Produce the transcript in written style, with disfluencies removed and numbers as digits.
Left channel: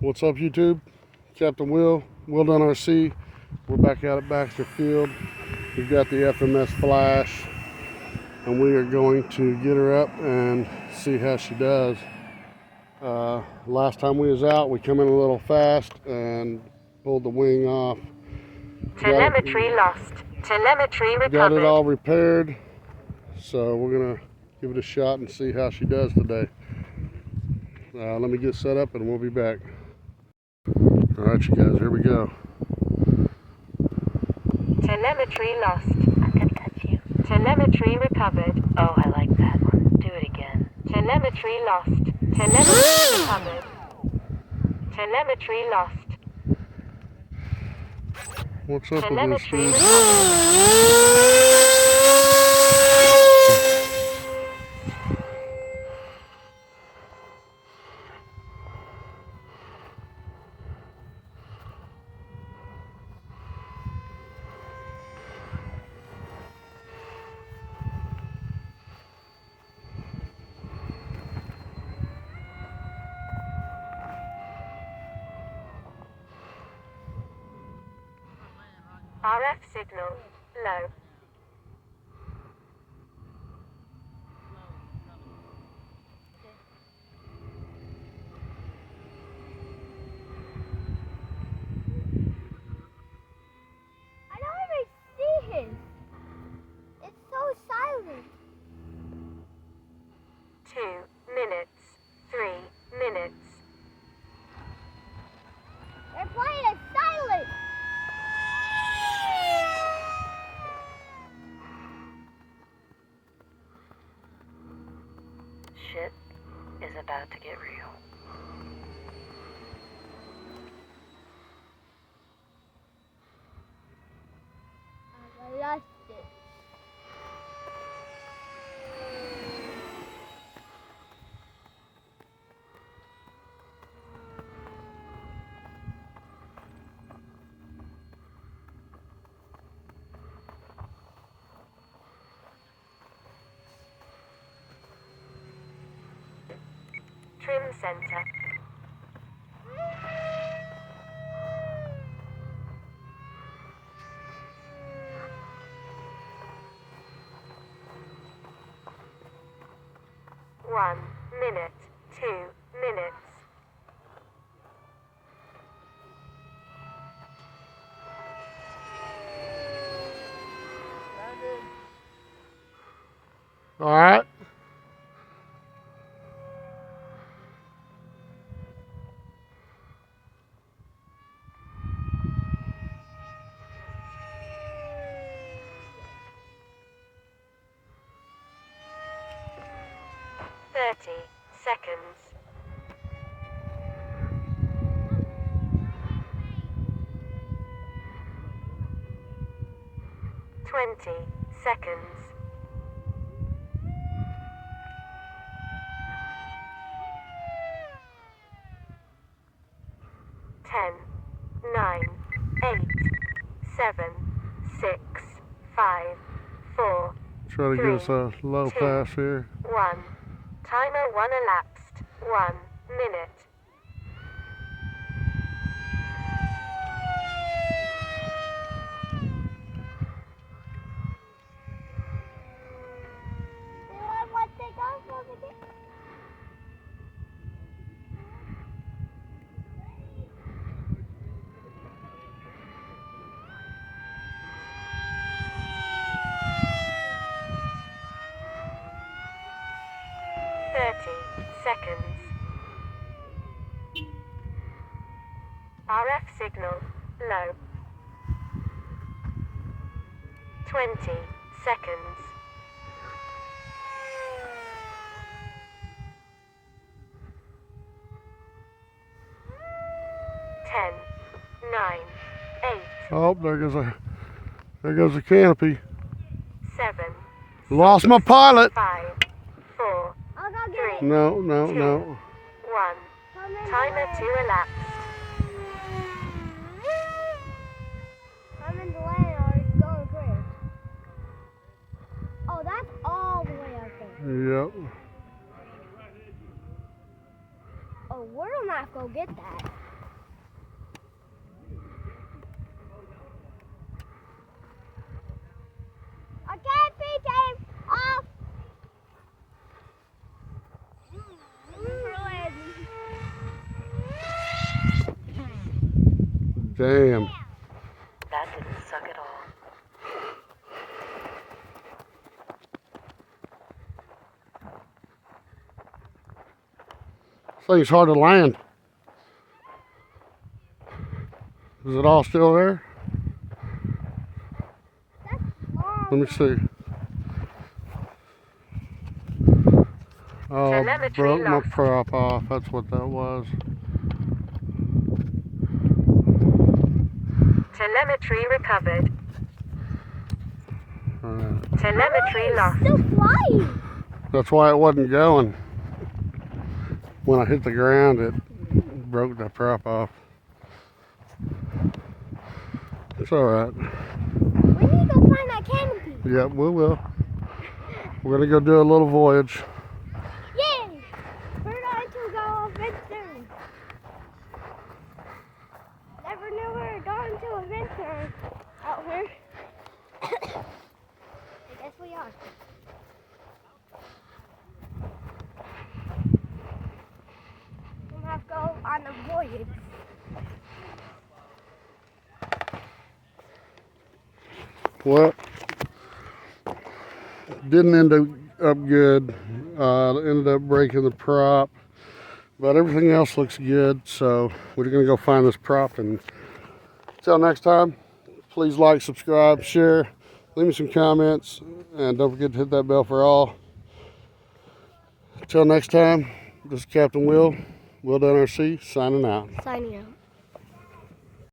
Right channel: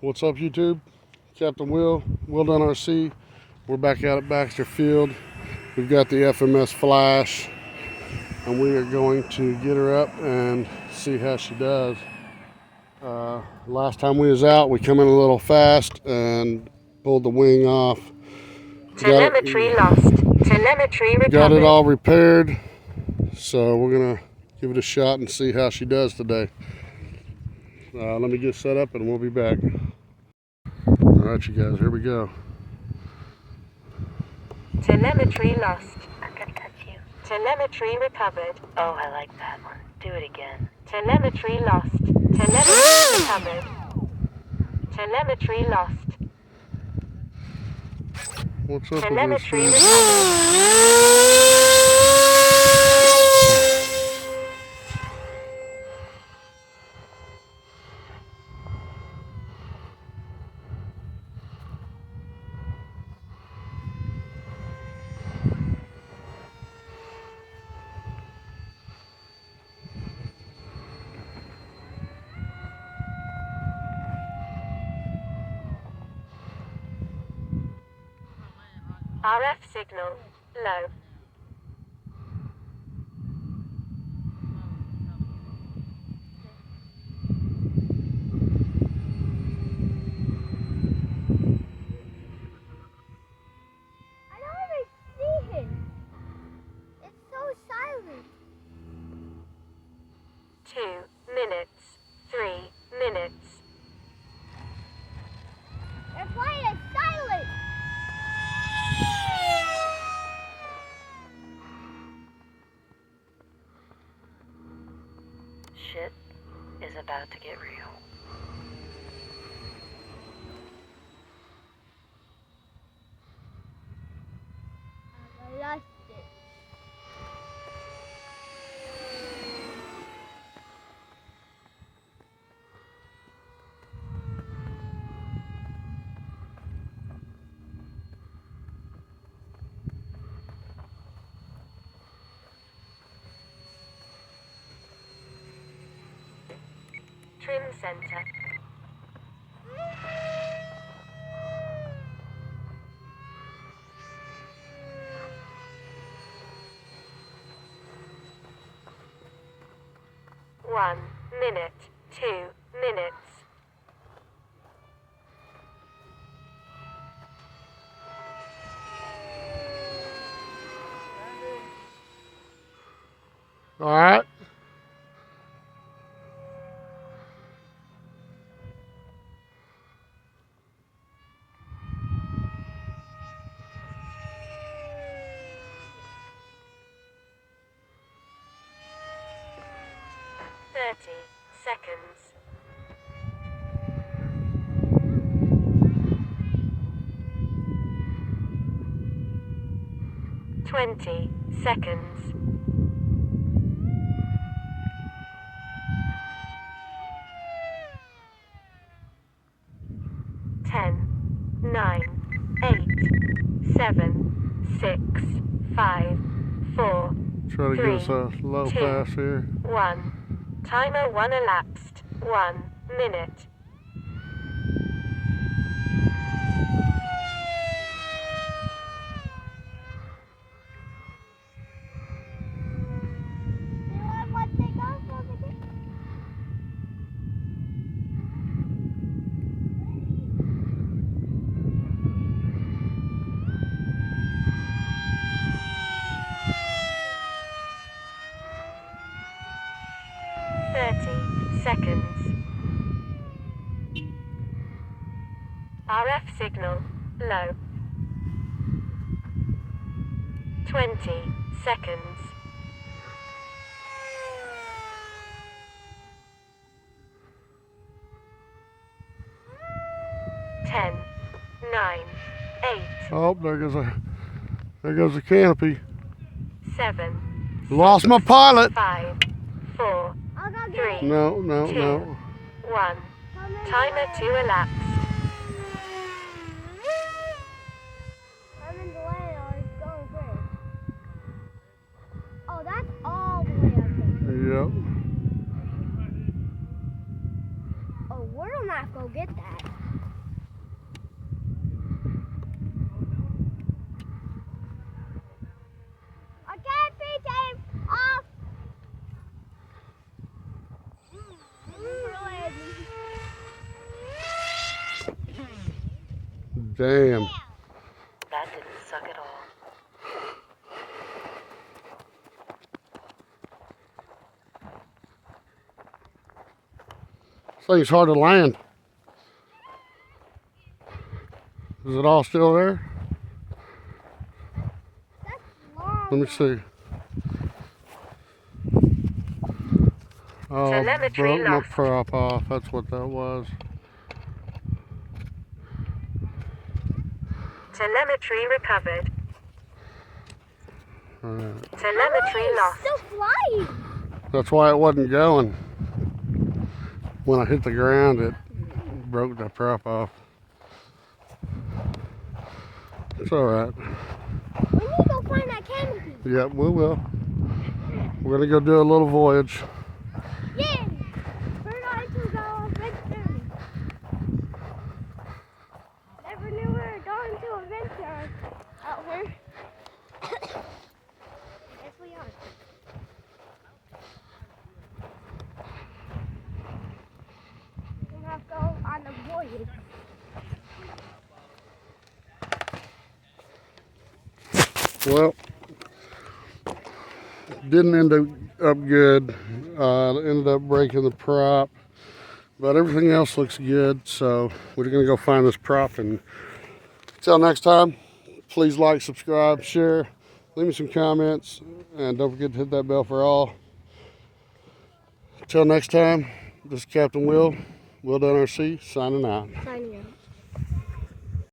What's up, YouTube? Captain Will done RC. We're back out at Baxter Field. We've got the FMS Flash, and we are going to get her up and see how she does. Last time we was out, we come in a little fast and pulled the wing off. Telemetry lost. Telemetry recovered. Got it all repaired, so we're gonna give it a shot and see how she does today. Let me get set up and we'll be back. Alright, you guys, here we go. Telemetry lost. I'm gonna touch you. Telemetry recovered. Oh, I like that one. Do it again. Telemetry lost. Telemetry recovered. Telemetry lost. What's up with this Telemetry dude? RF signal low. I don't even see him. It's so silent. 2 minutes. 3 minutes. They're playing it silent. Shit is about to get real. I lost it. Trim center. One minute. 2 minutes. Alright. Seconds. 20 seconds. 10, 9, 8, 7, 6, 5, 4, Try to get us a low pass here. 1. Timer 1 elapsed. 1 minute. What they go for again? Seconds. RF signal low. 20 seconds. 10, 9, 8. Oh, there goes the canopy. 7. Lost my pilot. 5, 4, I'll go 3. get No. 2, 1. Timer 2 elapsed. I'm in the lane or it's going through. Oh, that's all the way up there. Yep. Oh, we're not gonna get that. Damn. That didn't suck at all. This thing's hard to land. Is it all still there? That's long. Let me see. Oh, Telemetry broke my lost. prop off. That's what that was. Telemetry recovered. Alright. Telemetry lost. Still flying. That's why it wasn't going. When I hit the ground, it broke the prop off. It's alright. We need to go find that canopy. Yep, we will. We're gonna go do a little voyage. Yeah. We're going to go adventure. Never knew we were going to adventure out here. I guess we are. We're gonna have to go on a voyage. Well, didn't end up good. Ended up breaking the prop, but everything else looks good. So we're gonna go find this prop. And until next time, please like, subscribe, share, leave me some comments, and don't forget to hit that bell for all. Until next time, this is Captain Will, Will Done RC, signing out. Signing out.